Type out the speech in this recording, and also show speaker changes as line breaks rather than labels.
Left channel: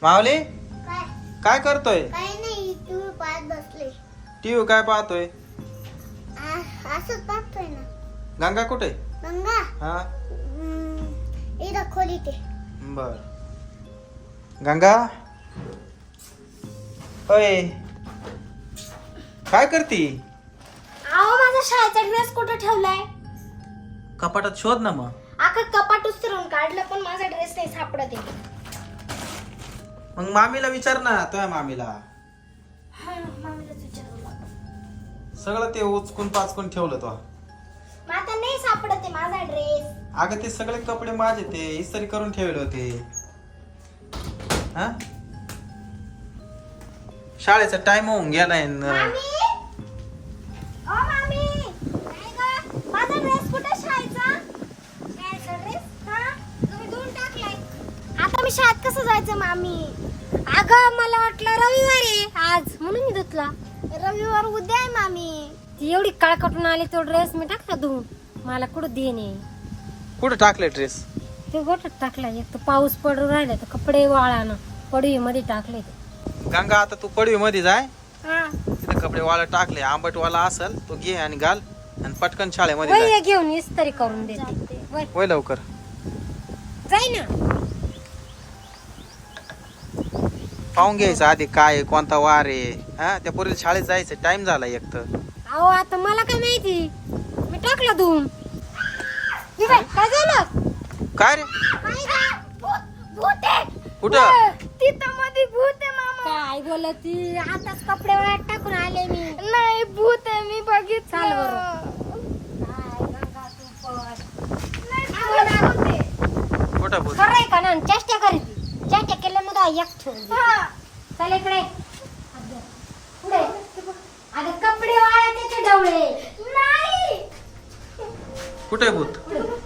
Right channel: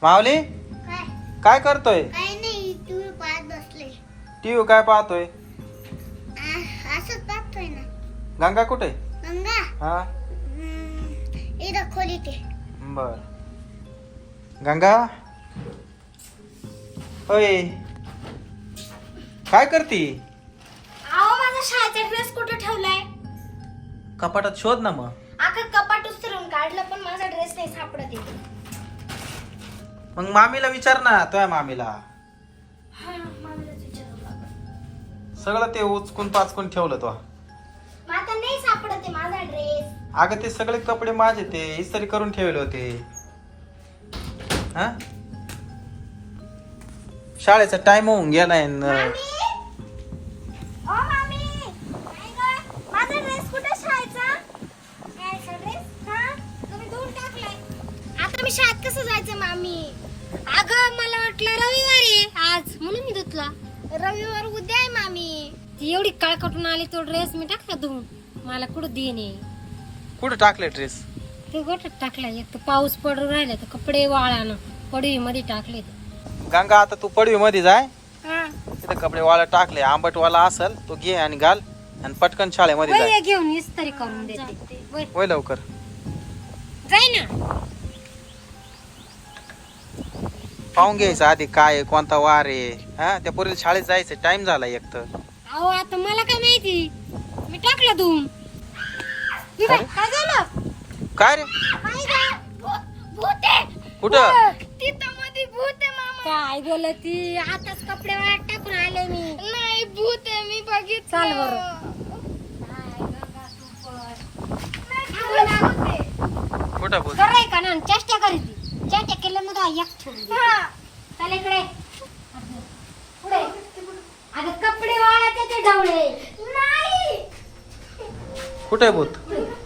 माऊली
काय
काय करतोय?
काय नाही तू पाहत बसले
टीव्ही काय पाहतोय?
असंच पाहतोय ना.
गंगा कुठे?
गंगा
हा
इथं खोली ते
बर. गंगा होय काय करती?
अहो माझा शाळेचा ड्रेस कुठे ठेवलाय?
कपाटात शोध ना मग.
अख्खा कपाट उचलून काढलं पण माझा ड्रेस नाही सापडत आहे.
मग मामीला विचार ना तुझ्या मामीला.
हा मामीलाच विचारावं लागेल.
सगळं ते उचकून पाचकून ठेवलं तो.
मग आता नाही सापडत आहे माझा ड्रेस.
अगं ते सगळे कपडे माझे ते इस्त्री करून ठेवले होते. हा शाळेचा टाइम होऊन गेलाय न.
मामी ओ मामी काय गं? माझा ड्रेस कुठे शाळेचा? शाळेचा ड्रेस हा तुम्ही धुवून टाकलाय. आता मी शाळेत कसं जायचं मामी? अगं मला वाटलं रविवार आहे आज म्हणून मी धुतला. रविवार उद्या आहे मामी. ती एवढी काळ कटून आली तो ड्रेस मी टाकला धुवून. मला कुठं देणे?
कुठं टाकले ड्रेस?
ते गोठ्यात टाकला. एक तर पाऊस पडून राहिला तर कपडे वाळानं पडवी मध्ये टाकले ते.
गंगा आता तू पडवी मध्ये जाय.
हा
तिथे कपडे वाळत टाकले. आंबटवाला असल तो घे आणि घाल आणि पटकन शाळेमध्ये जाय.
वय घेऊन इस्त्री करून देते. वय,
होय लवकर.
जाय ना.
पाहून घ्यायचं आधी काय आहे, कोणता वार आहे. हा त्या पोरीला शाळेत जायचं टाइम झाला एक तर.
अहो आता मला काय माहिती? मी टाकला धुवून. हे काय काय झालं?
काय रे
भूत आहे.
कुठं?
तिथं मध्ये भूत आहे मामा. काय बोलती? आताच कपडे वाळत टाकून आले मी. नाही भूत आहे मी बघितलं. चाल बरं.
कुठं बोल?
खरंय का ना? चेष्टा करीत. चेष्टा केल्यामुळे एक ठेवून दे. चल इकडे. पुढे. अगं कपडे वाळत त्याचे ढवळे. नाही.
कुठे भूत?